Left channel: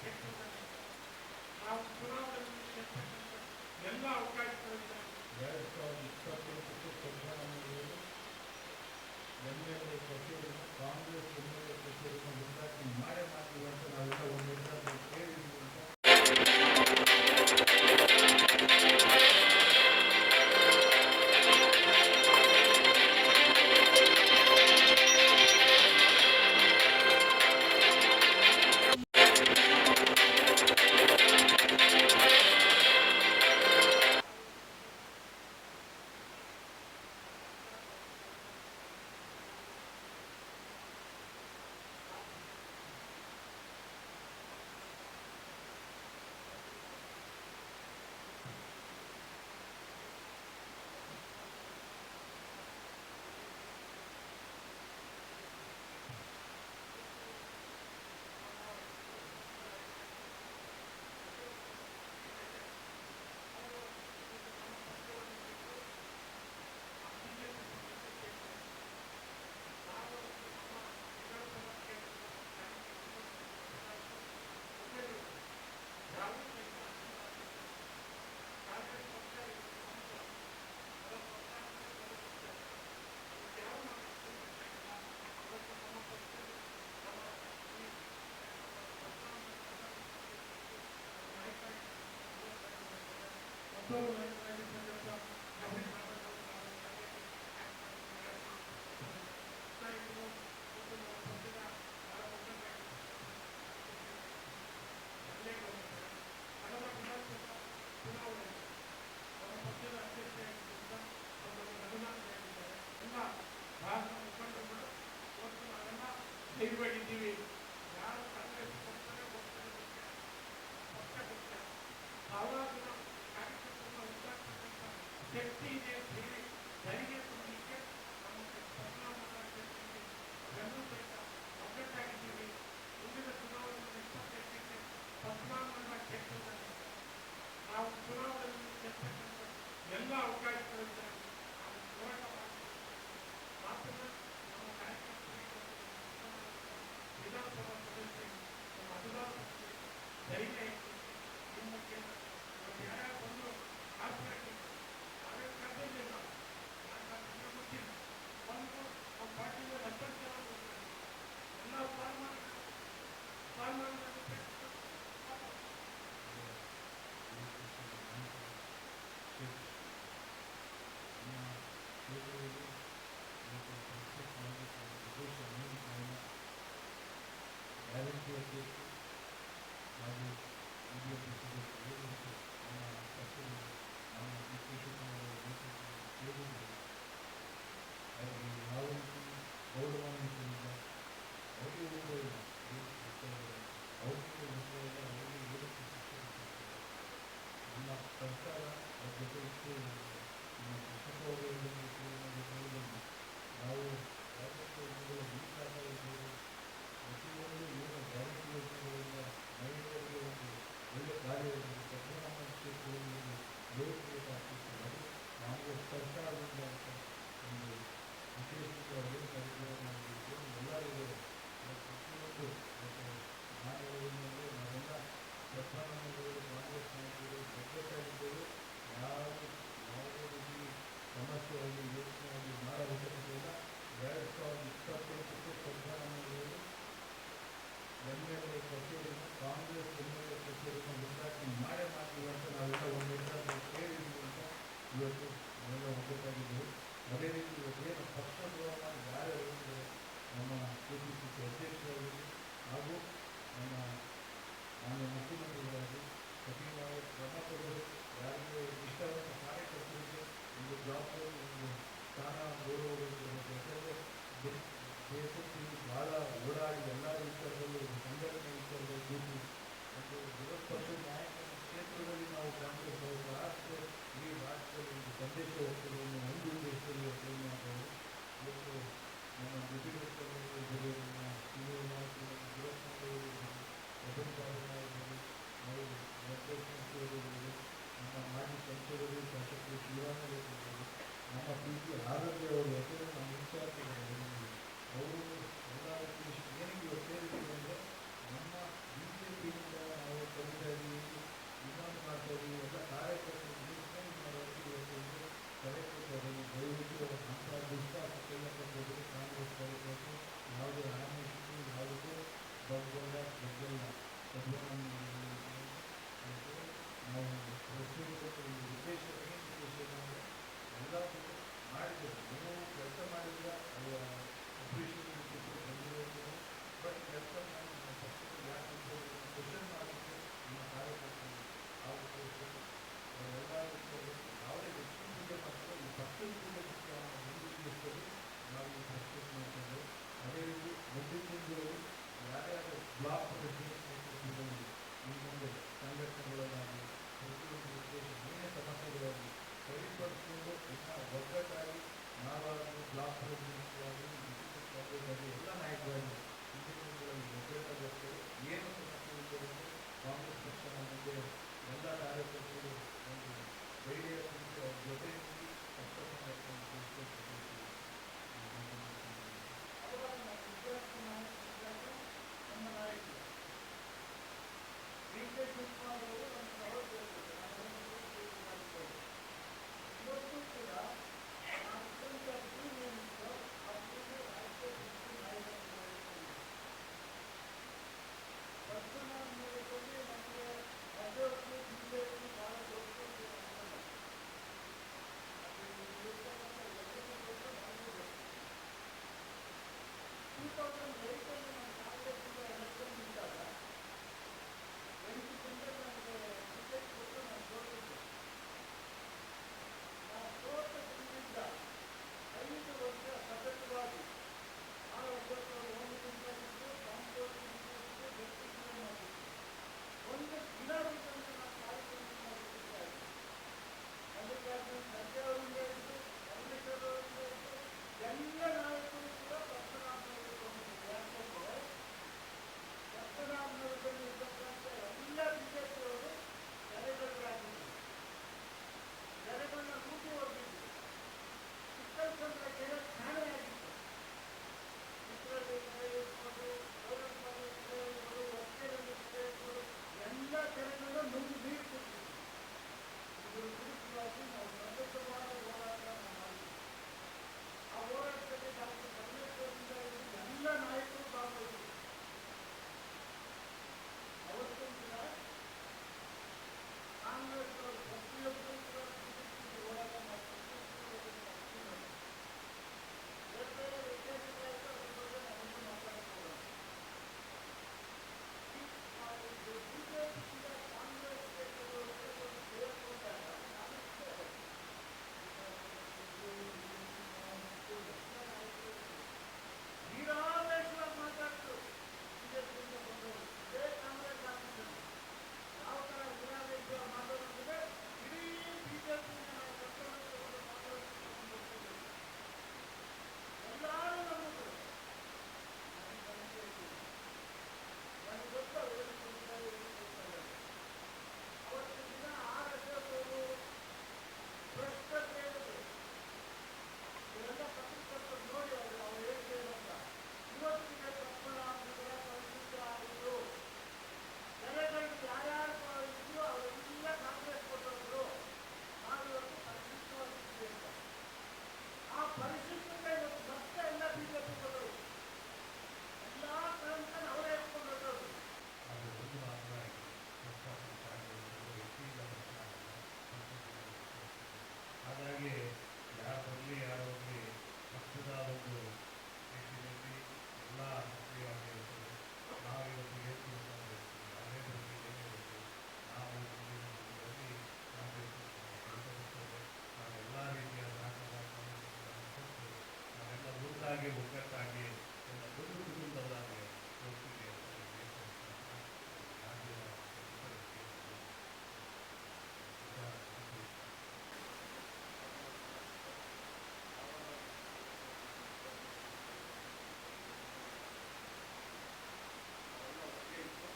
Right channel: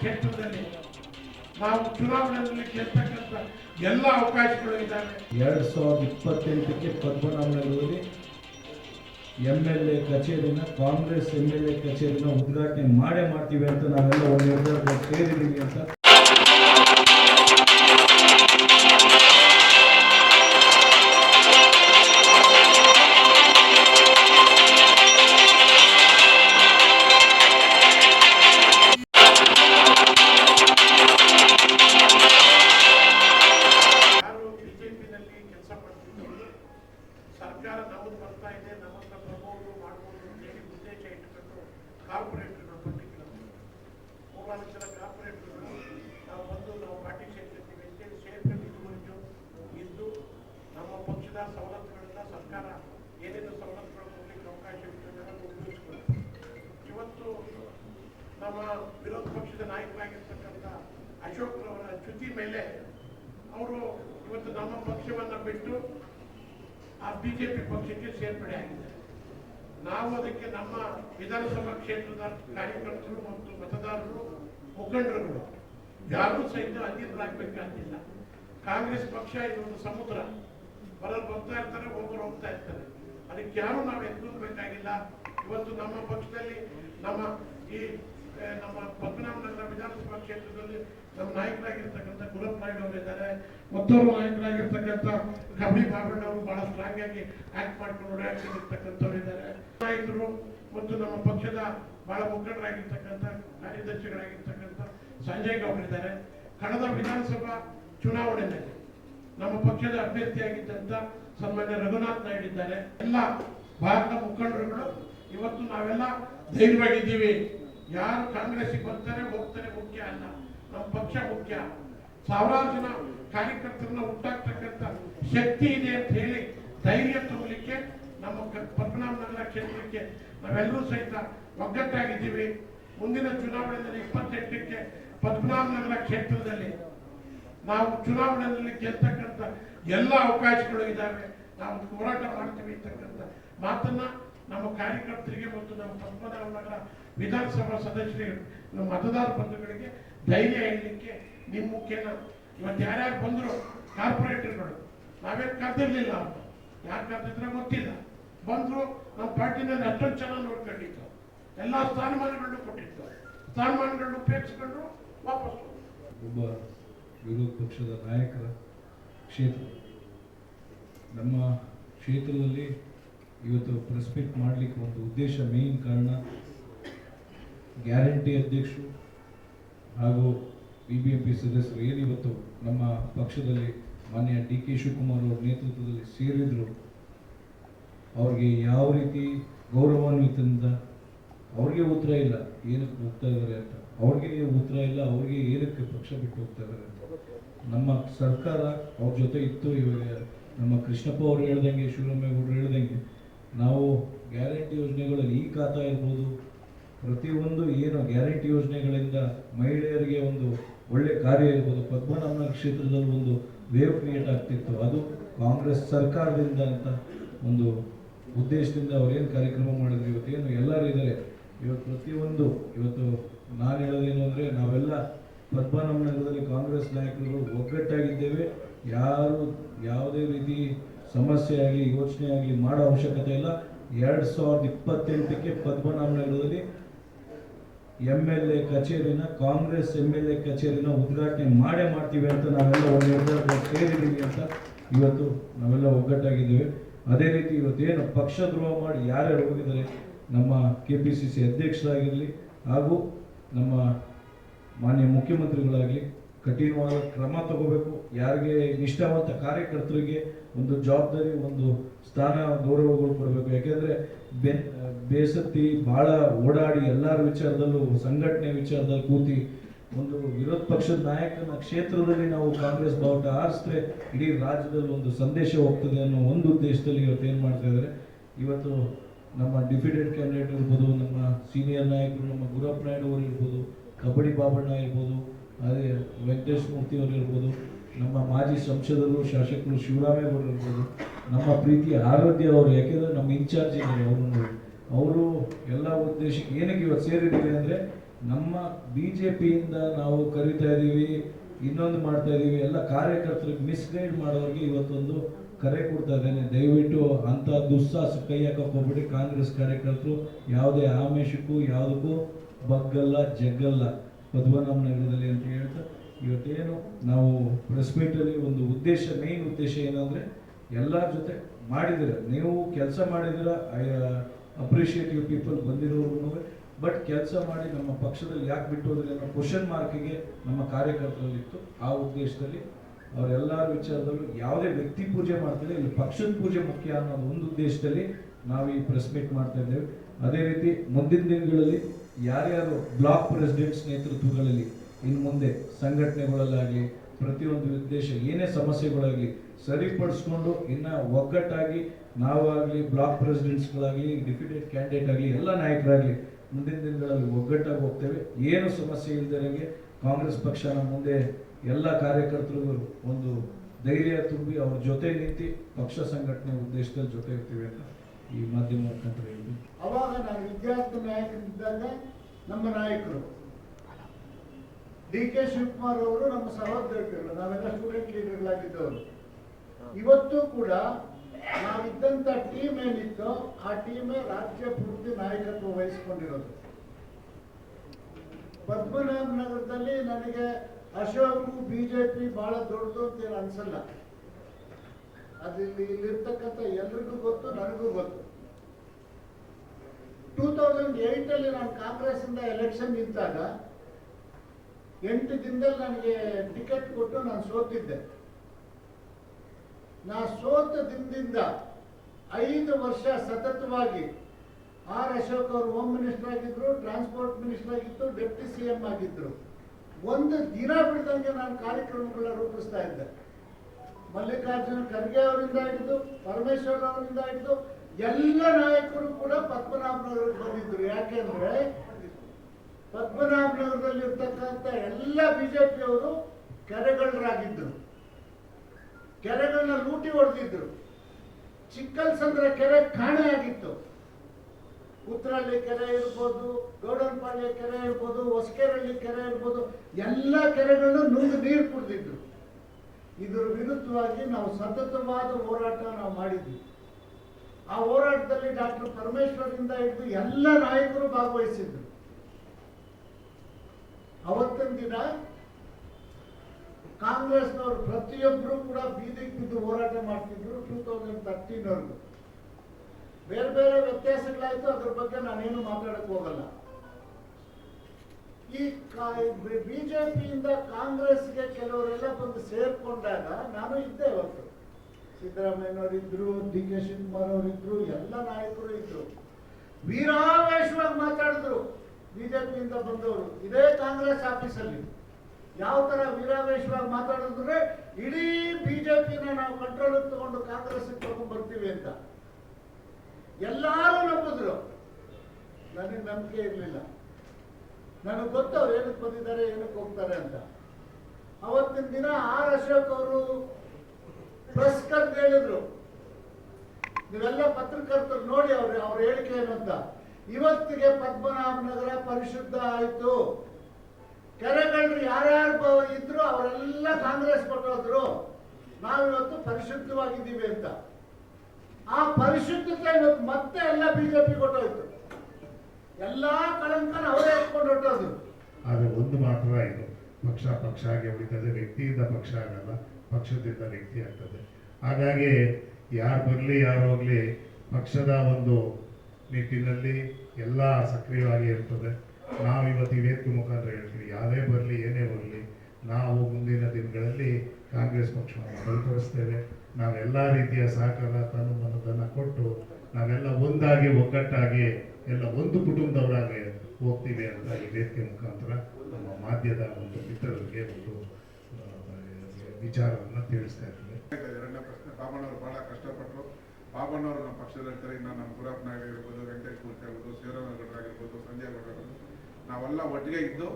ಕ್ಷೇತ್ರದಲ್ಲಿ ನಾವು ಚುನಾವಣೆಯಲ್ಲಿ ಗೆಲ್ತಕ್ಕಂಥ ಎಲ್ಲ ಅವಕಾಶಗಳು ಇದ್ದಾವೆ. 2028ಕ್ಕೆ ಪದ್ಮನಾಭನಗರದಲ್ಲಿ MLA ಕಚೇರಿನ ಕಾಂಗ್ರೆಸ್ MLA ಕಚೇರಿನ ಉದ್ಘಾಟನೆ ಮಾಡೇ ಮಾಡ್ತೀವಿ ಅಂತ ನಾವೆಲ್ಲ ಒಂದು ನಿರ್ಧಾರ ಸೇರಿದ್ದೀವಿ ಅಂತ ಬಿಜೆಪಿ ಪಕ್ಷಕ್ಕೆ ಸೇರ್ಪಡೆ ಆಗಿದೆ. ನಾವು ಅದಕ್ಕೆ ನಮ್ಮ ವಿಧಾನಸಭಾ ಕ್ಷೇತ್ರದ ಕಾರ್ಯಕರ್ತರು ಮತ್ತು ಮತದಾರರು ಮುಖಂಡರುಗಳು ಯಾರೂ ಸಹಿತ ಅಧೀನರಾಗಬೇಕಾಗಿಲ್ಲ. ಕಾಂಗ್ರೆಸ್ ಪಕ್ಷ ಇದೊಂದು ಸಮುದ್ರ, ಬರೋದು ಹೋಗ್ತಾ ಇರ್ತಾರೆ, ಒಬ್ಬರು ಹೋಗ್ತಾ ಇರ್ತಾರೆ. ಅದಕ್ಕೆ ಯಾರು ನಾವು ಎದುರಬೇಕಾಗಿಲ್ಲ. ಇವತ್ತು ನಮ್ಮ ಪಕ್ಷದಲ್ಲಿ ನಮ್ಮ ಪದ್ಮನಾಭನಗರ ವಿಧಾನಸಭಾ ಕ್ಷೇತ್ರದಲ್ಲಿ ನಮ್ಮ ನಾಯಕರಾಗಿರ್ತಕ್ಕಂಥ ಗುರಪ್ಪ ನಾಯ್ಡು ಅವರಿದ್ದಾರೆ. ಮತ್ತೊಬ್ಬರು ನಾಯಕರಾಗಿರ್ತಕ್ಕಂಥ ಕಬಿ ಬಾಬಣ್ಣ ಅವರು ಬಹಳ ಸ್ಟ್ರಾಂಗ್ ಆಗಿ ಆಕ್ಟ್ ಮಾಡ್ಕೊಂಡು ಓಡಾಡ್ತಿರ್ತಕ್ಕಂಥವರಿದ್ದಾರೆ. ನಾಯಕರು ಮತ್ತು ನಮ್ಮ ಪಕ್ಷದ ಬಹಳ ಮುಖಂಡರಾಗಿರ್ತಕ್ಕಂಥ ಕಾರ್ಯದರ್ಶಿಗಳಾಗಿರ್ತಕ್ಕಂಥ ಸಂಜಯ್ ಗೌಡರಿದ್ದಾರೆ. ಕಳೆದ ವಿಧಾನಸಭಾ ಚುನಾವಣೆಯಲ್ಲಿ ನಮ್ಮ ಪಕ್ಷದ ಅಭ್ಯರ್ಥಿಯಾಗಿದ್ದಂಥ ಸನ್ಮಾನ್ಯ ರಘುನಾಥ್ ನಾಯ್ಡು ಇದ್ದಾರೆ. ಎಲ್ಲ ಭಾರತ ಮುಖಂಡರುಗಳು ಇವತ್ತು ನಾವೆಲ್ಲ ಧೈರ್ಯವಾಗಿದ್ದೀವಿ. ಯಾರು ಕಾಂಗ್ರೆಸ್ಗೆ ಬರ್ತಾರೆ ಹೋಗ್ತಾರೆ ಮುಖ್ಯ ಅಲ್ಲ, ನಮ್ಮ ಪಕ್ಷ ಮುಖ್ಯ. ಸಾವಿರಾರು ಜನ ಕಾರ್ಯಕರ್ತರನ್ನ ಹುಟ್ಟಾಕ್ತಕ್ಕಂಥ ಶಕ್ತಿ ಇದೆ ಅಂತ ಹೇಳಿ ಧೈರ್ಯ ತುಂಬಲಿಕ್ಕೆ ನಮ್ಮ ಪದ್ಮನಾಭನಗರ ಕ್ಷೇತ್ರಕ್ಕೆ ನಾವೆಲ್ಲರೂ ಸಹಿತ ಒಗ್ಗಟ್ಟಾಗಿದ್ದೀವಿ. ಮುಂದಿನ ಚುನಾವಣೆಯಲ್ಲಿ 28ಕ್ಕೆ ಪದ್ಮನಾಭನಗರ ಕ್ಷೇತ್ರದಲ್ಲಿ ನಾವು ಚುನಾವಣೆಯಲ್ಲಿ ಗೆಲ್ತಕ್ಕಂಥ ಎಲ್ಲ ಅವಕಾಶಗಳು ಇದ್ದಾವೆ. ನಾವು ಹೋರಾಟ ಮಾಡ್ತೀವಿ ಇರ್ತಕ್ಕಂಥ ಮಾತನ್ನ ನಮ್ಮ ಕಾರ್ಯಕರ್ತರಿಗೆ ಮತ್ತು ನಮ್ಮ ಪದ್ಮನಾಭನಗರ ವಿಧಾನಸಭಾ ಸದಸ್ಯರಿಗೆ, ನಮ್ಮ ಮತದಾರ ಬಂಧುಗಳಿಗೆ ಧೈರ್ಯ ಹೇಳಲಿಕ್ಕೆ ನಿಮ್ಮ ಮುಖ್ಯನ ಇವತ್ತು ಯಾರ್ಯಾರು ಬಂದರು ಕಾರ್ಪೊರೇಟರ್ಗಳು ನಾವೇನು ಕರೆದಿರಲಿಲ್ಲ. ಯಾರು ಕರೆದಿದ್ರೆ ಗೊತ್ತಿಲ್ಲ. ಬಂದು ನಮ್ಮ ಪಾರ್ಟಿನಲ್ಲಿ ಅಷ್ಟೊಂದು ಚೆನ್ನಾಗಿ ನೋಡ್ಕೊಂಡಿತ್ತು. ಎಲ್ಲ ಸ್ಥಾನಮಾನಗಳನ್ನು ಕೊಟ್ಟಿತ್ತು. ಸ್ಥಾನಮಾನಗಳನ್ನು ಉಪಯೋಗಿಸಿಕೊಂಡು ವಾಪಸ್ ಒಬ್ಬ ವಿರೋಧ ಪಕ್ಷದ ನಾಯಕರ ಕ್ಷೇತ್ರ ನಮ್ಮ ಕ್ಷೇತ್ರದಲ್ಲಿ ಇವತ್ತು ಪ್ರೆಸ್ಪೆಕ್ಟ್ ಮಾಡಲಿಕ್ಕೆ ಒಂದು ಉದ್ದೇಶ, ಮೇನ್ ಕಾರಣ ಗ್ಯಾರಂಟಿ ಅಧ್ಯಕ್ಷರು ಹಾಗೂ EBMP ಸದಸ್ಯರು ಏನಿವತ್ತು ನಮ್ಮ ಪಕ್ಷದಲ್ಲಿ ಮಾನ್ಯ DK ಶಿವಕುಮಾರ್ ಅವರ ನೇತೃತ್ವದಲ್ಲಿ ಸೇರಿದ್ರು, ಅವ್ರಿಗೆ ಯಾವ ರೀತಿ ಗೌರವಾನ್ವಿತದಿಂದ ಅವ್ರಿಗೆ ಉತ್ತರ ಇಲ್ಲ, ಏನಕ್ಕೆ ಹೋಗ್ತಾ ಇದ್ದಾರೆ ಅಂತ ಅವ್ರಿಗೆ ಉತ್ತರ ಇಲ್ಲ, ಅವ್ರಿಗೆ ಏನಕ್ಕೆ ಪಕ್ಷ ಬಿಟ್ಟು ಹೋಗ್ತಾ ಇದ್ದಾರೆ. ನಮ್ಮ ಸರ್ಕಾರ ಅವ್ರ ಜೊತೆ ಇತ್ತು. ಇವಾಗ ನಮ್ಮ ಕೃಷ್ಣಪ್ಪ ಅವರು ಹೇಳ್ದಂಗೆ, ಶಿವರಾಮೇಗೌಡರು ಹೇಳ್ದಂಗೆ, ನಾವು ಗ್ಯಾರಂಟಿ ಯೋಜನೆಗಳಲ್ಲಿ ಈ ಖಾತಾ ಇರ್ಬೋದು, ಪ್ರತಿಯೊಂದು ಏನು ಗ್ಯಾರಂಟಿ ಯೋಜನೆಗಳಿಂದ ಮಹಿಳೆಯರಿಗೆ ಒಂದು ಒಳ್ಳೆ ಕಾರ್ಯ ಇರ್ಬೋದು. ಪದ್ಮನಾಭನಗರ ಕ್ಷೇತ್ರದಲ್ಲಿ ಒಂದು ವೇವ್ ಕ್ರಿಯೇಟ್ ಆಗ್ತಿತ್ತು. ಅದು ಕಾಂಗ್ರೆಸ್ ಸರ್ಕಾರದಿಂದ ಅಂತ ಒಂದು ಉದ್ದೇಶದಿಂದ ಅವರೇನು ಕಾರ್ಯಕ್ರಮ ಮಾಡಿದ್ರು. ಇವತ್ತೇನು ಎಲ್ಲರೂ ಇದ್ದಾರೆ. ಇವತ್ತು ಪ್ರತಿಯೊಂದು ಇವತ್ತು ನಾನು ಹೇಳೋದೇನು ಅಂದರೆ, ನಾವೆಲ್ಲ ಪದ್ಮನಾಭನಗರದಲ್ಲಿ ಕಾಂಗ್ರೆಸ್ ನಾಯಕರು ಒಗ್ಗಟ್ಟಾಗಿದ್ದೇವೆ. ಯಾರು ಯಾವುದೇ ರೀತಿ ಸಮಸ್ಯೆ ಆಗಲಿ ಯೋಚನೆ ಆಗಲಿ ಮಾಡೋ ಅವಶ್ಯಕತೆ ಇಲ್ಲ. 2028ಕ್ಕೆ ಪದ್ಮನಾಭನಗರದಲ್ಲಿ MLA ಕಚೇರಿನ ಕಾಂಗ್ರೆಸ್ MLA ಕಚೇರಿನ ಉದ್ಘಾಟನೆ ಮಾಡೇ ಮಾಡ್ತೀವಿ ಅಂತ ನಾವೆಲ್ಲ ಒಂದು ನಿರ್ಧಾರ ಸೇರಿದ್ದೀವಿ ಅಂತ ಇವತ್ತು ನಾವೆಲ್ಲ ಒಗ್ಗಟ್ಟಾಗಿದ್ದೇವೆ. ಅದೇ ರೀತಿ ಇವತ್ತೇನು ಪಕ್ಷ ದ್ರೋಹ ಮಾಡಿ ಯಾರ್ಯಾರು ಹೋಗಿದ್ದಾರೆ, ನಮ್ಮ KPCC ಅಧ್ಯಕ್ಷರಾಗಿರಲಿ ಹಾಗೂ ನಮ್ಮ ಮಾನ್ಯ ಮುಖ್ಯಮಂತ್ರಿಗಳಾಗಲಿ ಕಠಿಣವಾದ ಕ್ರಮ ತಗೋಬೇಕು. ಯಾರಿಗೆ ನಿಷ್ಠಾವಂತ ಕಾರ್ಯಕರ್ತರಿಗೆ ಒಂದು ಜವಾಬ್ದಾರಿ, ಒಂದು ಸ್ಥಾನ, ಗೌರವಗಳು ಬರಬೇಕು. ಯಾಕೆಂದರೆ ಬೇಸತ್ತಿ ಭಾಳ ಓಡಾಡಿ ಎಲ್ಲರ ವಿಚಾರದಲ್ಲೂ ಸಂಘಟನೆ ವಿಚಾರದಲ್ಲಿ ಕೂತಿ ಒಂದು ವಿರೋಧ ಪಕ್ಷದ ನಾಯಕನ ಕ್ಷೇತ್ರದಲ್ಲಿ ನಾವು ಕಾಂಗ್ರೆಸ್ ಭಾವಕ ಆರಿಸಿದ್ರೆ ಇಡೀ ರಾಜ್ಯದಲ್ಲಿ ಒಂದು ಸಂದೇಶ ಹೋಗ್ತದೆ ಅನ್ನೋ ಒಂದು ಉದ್ದೇಶದಲ್ಲಿ ಇವತ್ತು ಏನು ಮಾಡ್ತಾ ಇದ್ದಾರೆ. ಇವತ್ತು ನಮ್ಮ ಡಿಪ್ಯೂಟೆಡ್ ಕ್ಯಾಂಡಿಡೇಟ್ ಇರ್ಬೋದು, ನಮ್ಮ ಸೀನಿಯರ್ ನಾಯಕರು, ನಮ್ಮ ಗುರಪ್ಪ ನಾಯ್ಡು ಅವರು ಇರ್ಬೋದು, ಕಬಡ್ಡಿ ಬಾಬಣ್ಣ ಇರ್ಬೋದು, ಹಾಗೆ ವೆಂಕಟೇಶ್ ಮೂರ್ತಿ ಅವರು ಇರ್ಬೋದು, ನಮ್ಮ ಮಾಜಿ ಸಂಸದರು ಶಾಸಕರು ಶಿವರಾಮೇಗೌಡರು ಇರ್ಬೋದು, ನಮ್ಮ ಪ್ರೀತಿ ಆರೋಗ್ಯ ಅವರು, ಯಾಕೆಂದರೆ ನಮ್ಮ ಇನ್ಚಾರ್ಜ್ ಇದ್ದಾರೆ ಅವರು ಎಲ್ಲ ಉದ್ದೇಶಕ್ಕೆ ಏನಕ್ಕೆ ಇವತ್ತು ಸೇರಿದ್ದೀವಿ ಅಂದರೆ ನಮ್ಮ BJPಯಿಂದ ನಾವು ಕರಿತಾ ಇದ್ದೀವಿ, ಇನ್ನೊಂದು ಮಾಡ್ತಾ ಇದ್ದೀವಿ, ಎಲ್ಲ ಕಾರ್ಯಕರ್ತರಿಗೆ ಮಿಸ್ಗೈಡ್ ಮಾಡೋರಿಗೆ ಇವತ್ತೊಂದು ಕರೆ ಕೊಡ್ತಾ ಇದ್ದೇನೆ. ದಯವಿಟ್ಟು ಅಂಥ ದುಸ್ಸಾಹಸ ಕೈ ಹಾಕಕ್ಕೆ ಹೋಗ್ಬಿಡಿ. ಕಾಂಗ್ರೆಸ್ ಕಾರ್ಯಕರ್ತರು ಯಾವುದೇ ಆಮಿಷಕ್ಕೂ ಯಾವುದಕ್ಕೂ ಬಗ್ಗಲ್ಲ ಜಗ್ಗಲ್ಲ ಪದ್ಮನಾಭನಗರದಲ್ಲಿ ಅಂತ ಹೇಳ್ತಾ, ಇವತ್ತೇನು ನಾವು ಪ್ರೆಸ್ ಮೀಟಲ್ಲಿ ಒಂದು ಉದ್ದೇಶ, ಮೇನ್ ಉದ್ದೇಶ ಏನಂದರೆ ಎಲ್ಲರ ಜೊತೆ ಮಾಡಿದ್ದೀರ, ನೀವು ಕೆಲಸ ಮಾಡಿದ್ದೀರ, ಐ ಅಪ್ರಿಷಿಯೇಟ್ ಯು ಪೀಪಲ್ ಬಂದಿರೋರು. ಬಟ್ ಕೆಲಸ ಮಾಡಿ ನಮ್ಮ ಪಕ್ಷದಲ್ಲಿ ಯಾಕೆ ಬಿಟ್ಟೋದ್ರೆ ಅನ್ನೋ ಕ್ವಶನ್ ಮಾರ್ಕಿಗೆ ನಮ್ಮ ಕಾರ್ಯಕರ್ತರಲ್ಲಿತ್ತು. ಆ ಉದ್ದೇಶದಲ್ಲಿ ಅವರೆಲ್ಲರ ವಿಚಾರದಲ್ಲಿ ಯಾವುದೇ ವ್ಯಕ್ತಿ ಪೂಜೆ ಮಾಡ್ತಾರೆ, ಇಲ್ಲಿ ಪಕ್ಷದ ಪೂಜೆ ಮುಖ್ಯ ಅನ್ನೋ ಒಂದು ಉದ್ದೇಶದಲ್ಲಿ ನಾವು ಈ ಪ್ರೆಸ್ ಮೀಟ್ ಮಾಡ್ತಾ ಇದ್ದೇವೆ. ಅದೇ ರೀತಿ ಮುಂದಿನ ದಿನಗಳಲ್ಲಿ ಯಾರ್ಯಾರು ಬ್ಲಾಕ್ ಪ್ರೆಸಿಡೆಂಟ್ಸ್ ನೇತೃತ್ವಗಳಲ್ಲಿ ಇನ್ನು ಮುಂದೆ ಸಂಘಟನೆಗಳಲ್ಲಾಗಲಿ ಪ್ರತಿಯೊಂದು ಉದ್ದೇಶ ಏನೇ ಸಮಸ್ಯೆಗಳಾಗಲಿ ಸರಿಪಡಿಸ್ಕೊಂಡು ಇನ್ನು ಒಗ್ಗಟ್ಟಾಗಿ ನಾವಾಗಲಿ ಬ್ಲಾಕ್ ಪ್ರೆಸಿಡೆಂಟ್ಸ್ಗಳಾಗಲಿ ಡೆಪ್ಯೂಟಿ ಕ್ಯಾಂಡಿಡೇಟ್ ಆಗಲಿ ಎಲ್ಲ ನಾಯಕರಾಗಲಿ ಮುಂದಿನ ದಿನಗಳಲ್ಲಿ ಒಗ್ಗಟ್ಟಾಗಿ ಹೋಗ್ತೇವೆ. ಏನು ಸಮಸ್ಯೆ ಇಲ್ಲದಂಗೆ ಕಾಂಗ್ರೆಸ್ ಪಕ್ಷನ ಮುಂದೆ ಎಲ್ಲ ಕಾರ್ಯಕರ್ತರು ಒಂದು ಧೈರ್ಯ ತುಂಬಿ ಅವ್ರ ಜೊತೆ ನಿಂತು ಪಕ್ಷ ಸಂಘಟನೆ ಉದ್ದೇಶದಲ್ಲಿ ಜೊತೆ ಇರ್ತೀವಿ ಅಂತ ಈ ಮಾಧ್ಯಮ ಮುಖಾಂತರ ಹೇಳಿ. ಅವಾಗ ನಾನು ವಿದ್ಯಾರ್ಥಿ ನಾಯಕರಿದ್ದಾಗ ನಮ್ಮ ನಾಯಕರು DK ಶಿವಕುಮಾರ್ ಅವರು ನಮ್ಮ ಸಹೋದರರು, ನಾವೆಲ್ಲ ಸ್ಟೂಡೆಂಟ್ ಲೀಡರ್ಗಳಾಗಿದ್ದವರು. ಇವತ್ತು ಕೂಡ ನಾವಿದ್ದಂಥ ಟೀಮ್ ಏನಿತ್ತು ಆ ಟೀಮೇ ರಾಜ್ಯ ಪೂರ್ತಿ ನಾಯಕತ್ವ ವಹಿಸಿಕೊಂಡಿರೋದು. ಪದ್ಮನಾಭನಗರದಲ್ಲಿ ನನಗೆ ಅಶೋಕ್ BJP ಬಹಳ ದೊಡ್ಡದು ಅಂತ ಅನ್ಸಲ್ಲ. ಅದು ಇಲ್ಲಿರ್ತಕ್ಕಂಥ ಎಲ್ರಿಗೂ ಗೊತ್ತು, ನನಗೂ ಗೊತ್ತು. 2008 ನಾನು ಕಾಂಗ್ರೆಸ್ಸಿಂದ ಎಲೆಕ್ಷನ್ ನಿಂತಾಗ 8 ದಿನದಲ್ಲಿ ನನಗೆ ಟಿಕೆಟ್ ಕೊಟ್ಟು ನಾನು ಸೋತಿದ್ದೆ. ನಾ ಸೋತ ದಿನದಿಂದ 5 ವರ್ಷ ಸತತವಾಗಿ ಅಶೋಕ್ ಅವರು ಹೋಮ್ ಮಿನಿಸ್ಟರ್ ಆಗಿದ್ರು, ಟ್ರಾನ್ಸ್ಪೋರ್ಟ್ ಮಿನಿಸ್ಟರ್ ಆಗಿತ್ತು, ಡೆಪ್ಟಿ CM ಆಗಿದ್ರು. ಒಂದು ದಿನ ಬಿಟ್ಟಂಗೆ ನಾನು ಕಾರ್ಯಕ್ರಮಗಳನ್ನ ರೂಪಿಸ್ತಾ ಇದ್ದೆ. ಮಲ್ಲಿಕಾರ್ಜುನ ಖರ್ಗೆ ಅವರಿಂದ ಆಗಿದ್ದು, ಪರಮೇಶ್ವರ್ ಅವರಿಂದ ಆಗಿದ್ದು, ಎಲ್ಲ ನಾಯಕರು ಕೂಡ ಪದ್ಮನಾಭನಗರಕ್ಕೆ ಬಂದಿದ್ರು. ಯಾಕೆಂದ್ರೆ ಪದ್ಮನಾಭನಗರದಲ್ಲಿರ್ತಕ್ಕಂಥ ಎಲ್ಲ BJPಯವರು ಕೆರೆಗಳರಾಗಿದ್ರು, ಕೆರೆಗಳನ್ನ ಲೂಟಿ ಹೊಡೆದಿದ್ರು. ಚಿಕ್ಕಲ್ಸಂದ್ರ ಕೆರೆ ಕಾಣೆ ಆಗಿತ್ತು. ಉತ್ತರಳ್ಳಿ ಕೆರೆ ಇರ್ಬೋದು, ದೊಡ್ಡನಪಾಳ್ಯ ಕೆರೆ ಇರ್ಬೋದು, ಹೊಸಕೆರೆಹಳ್ಳಿ ಕೆರೆ ಇರ್ಬೋದು, ಎಲ್ಲ ಕೆರೆಗಳನ್ನು ನುಂಗಿ ನೀರು ಕುಡಿದಿದ್ರು. ಇದರ ವಿರುದ್ಧವಾಗಿ ನಾವು ಸತತವಾದ ಹೋರಾಟ ನಾವು ಮಾಡಿದ್ವಿ. ಆ ಹೋರಾಟದಲ್ಲಿ ಡಾಕ್ಟರ್ ಪರಮೇಶ್ವರಿಂದ ಹಿಡಿದು ಎಲ್ಲ ನಾಯಕರು ಭಾಗವಹಿಸಿದ್ರು. ಅವತ್ತಿನ ದಿನ ಕಾಂಗ್ರೆಸ್ನವರು ಪ್ರತಿಯೊಬ್ಬರು ಕೂಡ ಬೀದಿಗಿದ್ದು ಹೋರಾಟ ಮಾಡ್ತಿದ್ರು. 2013 ಬೇರೆ ಬೇರೆ ವ್ಯತ್ಯಾಸಗಳಾಯ್ತು, ಅದ್ರ ಬಗ್ಗೆ ನಾನೇನು ಮಾತಾಡಕ್ಕೆ ಹೋಗಲ್ಲ. ಈ BJPಯಿಂದ ಕಾಂಗ್ರೆಸ್ಗೆ ಕೆಲವರೆಲ್ಲ ಬಂದು ಸೇರ್ಕೊಂಡಾಗ ನಾನು ಇದ್ದೆ. ಅವತ್ತು ಸಿದ್ದರಾಮಯ್ಯನವರಿದ್ರು, DK ಶಿವಕುಮಾರ್ ಅವರಿದ್ರು, ಎಲ್ಲ ನಾಯಕರು ಇದ್ರು. ವೀರಾವೇಶವಾಗಿ ಮಾತಾಡಿದ್ರು BJPಯಿಂದ ಬಂದವರು ಇದೇ ಕಾಂಗ್ರೆಸ್ ಆಫೀಸಲ್ಲಿ. ಯಾವ ತರ ವೀರಾವೇಶವಾಗಿ ಮಾತಾಡಿದ್ರೆ ಇಡೀ BJPನ ನಾವು ಕಂಟ್ರೋಲ್ ತಗೊಂಡು ಕಾಂಗ್ರೆಸ್ ತಗೊಂಡು ಬರ್ತೀವಿ ಅಂತ ಎಲ್ಲರೂ ನಂಬಿದ್ರು. ನನಗೆ ನಂಬಿಕೆ ಇರಲಿಲ್ಲ. ನನಗೆ ಗೊತ್ತು ಅವ್ರು ಏನಕ್ಕೆ ಬಂದಿದ್ದಾರೆ, ಏನಕ್ಕೆ ಹೋಗ್ತಾರೆ ಅಂತ. ಅವತ್ತಿನ ದಿನ ಅಶೋಕ್ ಅವರು ಪ್ರೆಸ್ ಕರೆದು ಹೇಳಿದ್ರು, ನೀವೆಲ್ಲ ಪತ್ರಕರ್ತರು ನೋಡಿ ಅವ್ರ ಹೇಳಿಕೆ ಏನು ಅಂತ. ಇವತ್ತಿಗೆ ಪದ್ಮನಾಭನಗರ ಪರಿಶುದ್ಧ ಆಯಿತು. ಕೆರೆಗಳು ಯಾರ್ಯಾರು ಇದ್ರು ಅವರೆಲ್ಲ ಕಾಂಗ್ರೆಸ್ ಕೊಟ್ಟೋದ್ರು. ನಾವಿವತ್ತು ಪರಿಶುದ್ಧವಾಗಿದ್ದೀವಿ ಅಂತ. ಆ ಪರಿಶುದ್ಧತೆ ಇವತ್ತು ಮತ್ತೆ ಎಲ್ಲ BJP ಕೊಟ್ಟೋಯ್ತು. ಎಲ್ಲಾ ಕಳಂಕನ ಅವರೇ ಎತ್ಕೊಂಡು ಹೊಟ್ಟೋದು. ಆದರೆ ಒಂದು ಮಾತ್ರ ಇದು, ಪಕ್ಷ ಆಗಿ ಹೋಗ್ತದೆ, ವ್ಯಕ್ತಿಯಿಂದ ಪಕ್ಷ ಆಗಲ್ಲ, ಪಕ್ಷದಿಂದ ವ್ಯಕ್ತಿ ಆಗ್ತದೆ. ಹಾಗಾಗಿ ಯಾರು ಬರಲಿ ಯಾರು ಹೋಗಲಿ ಪಕ್ಷದ ಒಂದು ನಿಟ್ಟಿನಲ್ಲಿ ಎಲ್ಲ ಸಕ್ರಿಯವಾಗಿ ಇರ್ತದೆ. ನಾವು ಇವತ್ತು ಈ ವೇದಿಕೆ ಮುಖಾಂತರ ಹೇಳ್ತೀವಿ, ಯಾರೇ ಬರಲಿ ಏನೇ ಬರಲಿ ನಾವು ಮುಂದಿನ ದಿನಗಳಲ್ಲಿ ಕಾಂಗ್ರೆಸ್ ಪಕ್ಷವನ್ನು ಬಲಪಡಿಸ್ತೇವೆ. ನಾವೆಲ್ಲ ರೀತಿಯ ಸಹಕಾರ ಕಾನೂನನ್ನು ಕೊಟ್ಟು ನಾವೆಲ್ಲ ಒಂದಾಗಿ ಒಗ್ಗಟ್ಟಾಗಿ ಎಲ್ಲ ಒಂದು ಕುಟುಂಬದವರಾಗಿ ಹೋಗ್ತೀವಿ ಅಂತ ಈ ವೇದಿಕೆ ಮುಖಾಂತರ ನಮ್ಮ ಮಾಧ್ಯಮದ ಒಂದು ಮಿತ್ರರಿಗೆ ಒಂದು ವಿಚಾರವನ್ನು ತಿಳಿಸ್ತಾ ಇದ್ದೀವಿ. ಬಾಬಣ್ಣವರು ಭಾಳ ಕಷ್ಟಪಟ್ಟು ಬಾಬಣ್ಣವರು ನಮ್ಮ ಪಕ್ಷದ ಕಡೆಯಿಂದ ನಮ್ಮ ಗುಲಾಬ್ ನಾಯಕ ಆಗಿರ್ಬೋದು, ವೆಂಕಟೇಶ್ ಮುಖ ಆಗಿರ್ಬೋದು, ಶಿವರಾಮೇಗೌಡರಾಗಿರ್ಬೋದು, ಸಂಜಯ್ ಗೌಡರು ನಾವೆಲ್ಲ ಒಟ್ಟಿಗೆ ಇದ್ದು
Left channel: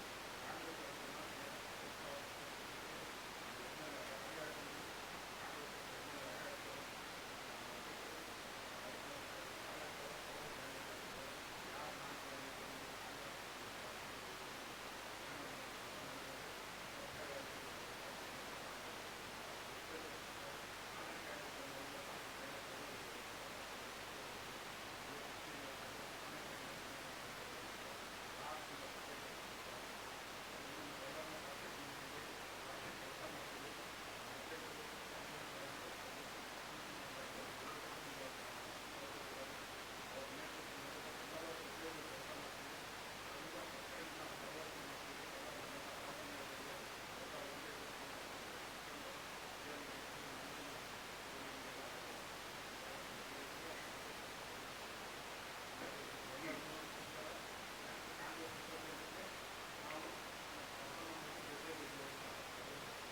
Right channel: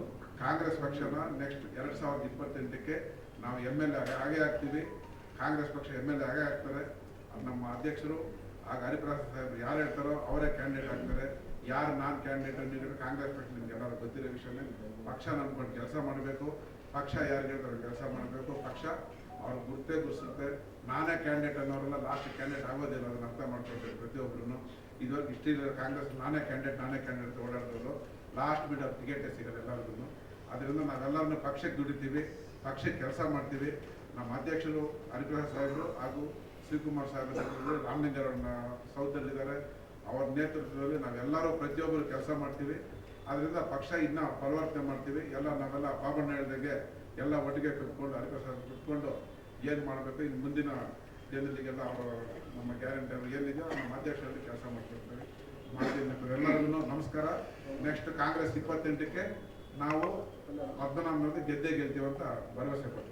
ಕಾಂಗ್ರೆಸ್ ಪಕ್ಷನ ನೆಕ್ಸ್ಟ್ 2028ಕ್ಕೆ ನಾವು MLA ಆಗೇ ಆಗ್ತೀವಿ. ಕಾಂಗ್ರೆಸ್ ಪಕ್ಷ MLA ಆಗೇ ಆಗ್ತದೆ. ನಮ್ಮ ಅಧ್ಯಕ್ಷರು ಆಗ ಹರಿಪ್ರಸಾದ್ ಯಾರು ಹೇಳ್ತಾರೋ ಅವರೇ ಕ್ಯಾಂಡಿಡೇಟ್ ಆಗ್ತಾರೆ. ಯಾರು ನಾನ್ ಕ್ಯಾಂಡಿಡೇಟ್ ಅಂದಿದ್ರೆ ಕಾಂಗ್ರೆಸ್ ಪಕ್ಷ ನಿಮ್ಗೆ ಎಲ್ಲರೂ ಗೊತ್ತಿರೋ ವಿಷಯನೇ. ಪಕ್ಷ ನಂಬ್ಕೊಂಡು ಕೆಲಸ ಮಾಡಬೇಕು, ಪಕ್ಷ ಯಾರು ಹೇಳ್ತಾರೆ ಕೆಲಸ ಮಾಡಬೇಕು, ಪಕ್ಷ ಅವ್ರು ಗುರುತಿಸುತ್ತೆ. ನಾನೇ ಕ್ಯಾಂಡಿಡೇಟ್ ಅನ್ನೋರೆಲ್ಲ ಲಾಸ್ಟ್ ಕ್ಯಾಂಡಿಡೇಟ್ ಆಗೋದಿಲ್ಲ, ಅದನ್ನು ಅರ್ಥ ಮಾಡ್ಕೊಳ್ಬೇಕು ಪ್ರತಿಯೊಬ್ಬರು. ಇವಾಗ ಇಷ್ಟಿದ್ರೆ ಕಾಂಗ್ರೆಸ್ ನಾನೇ ಕ್ಯಾಂಡಿಡೇಟ್ ಓಡಾಡ್ಬೋದು, ಲಾಸ್ಟ್ ಮೇಲೆ ಅವ್ರು ಟಿಕೆಟೇ ಸಿಗೋದು ಎಲ್ಲರಿಗೂ. ಅದರಿಂದ ನಾವೆಲ್ಲರನ್ನು ಪಕ್ಷಕ್ಕೆ ದುಡಿತೀವಿ, ಪಕ್ಷಕ್ಕೆ ಕೆಲಸ ಮಾಡ್ತೀವಿ. ನಮ್ಮ ಅಧ್ಯಕ್ಷರು ಅನುಗ್ರಹ ಸಾಹೇಬರು ಹಾಗೂ ಶಿವಕುಮಾರ್ ಸಾಹೇಬರು ರಾಮಲಿಂಗರನ್ನ ಸೌದಲ್ಲಿದ್ದಾರೆ, ಅವರ ನೇತೃತ್ವದಲ್ಲಿ ನಾವೆಲ್ಲರೂ ಪ್ರತಿಯೊಬ್ಬರು ಕೆಲಸ ಮಾಡ್ತೀವಿ. ಅದರಿಂದ ಪಕ್ಷ ಇನ್ನೂ ಪರಿವರ್ತನೆ ಮಾಡ್ತೀವಿ. ನಾವೆಲ್ಲ ಪಾಪಣ್ಣ ಹೇಳಿದಾಗೆ ಎಲ್ಲ ಒಟ್ಟಿಗೆ ಕುತ್ಕೊಂಡು ಕುತ್ಕೊಂಡು ಏನು ಮಾಡಬೇಕು, ಇನ್ನು ಮುಂದಿನ ಜನರಿಗೆಲ್ಲ ಅವರು ನಮ್ಮ ಗ್ಯಾರಂಟಿ ಏನಿದೆಯೋ ನಮ್ಮ ಅಧ್ಯಕ್ಷರಲ್ಲಿ ಕೆಲಸ ಮಾಡ್ತೀವಿ. ಎಲ್ಲರಿಗೂ ನಮಸ್ಕಾರ. ನೆಕ್ಸ್ಟ್ ಕಾಂಗ್ರೆಸ್ 28ಕ್ಕೆ ನಾವು 19 ಗೆದ್ದೇ ಗೆಲ್ತೀವಿ ಅಂತ ಭರವಸೆ ಕೊಡ್ತೀವಿ.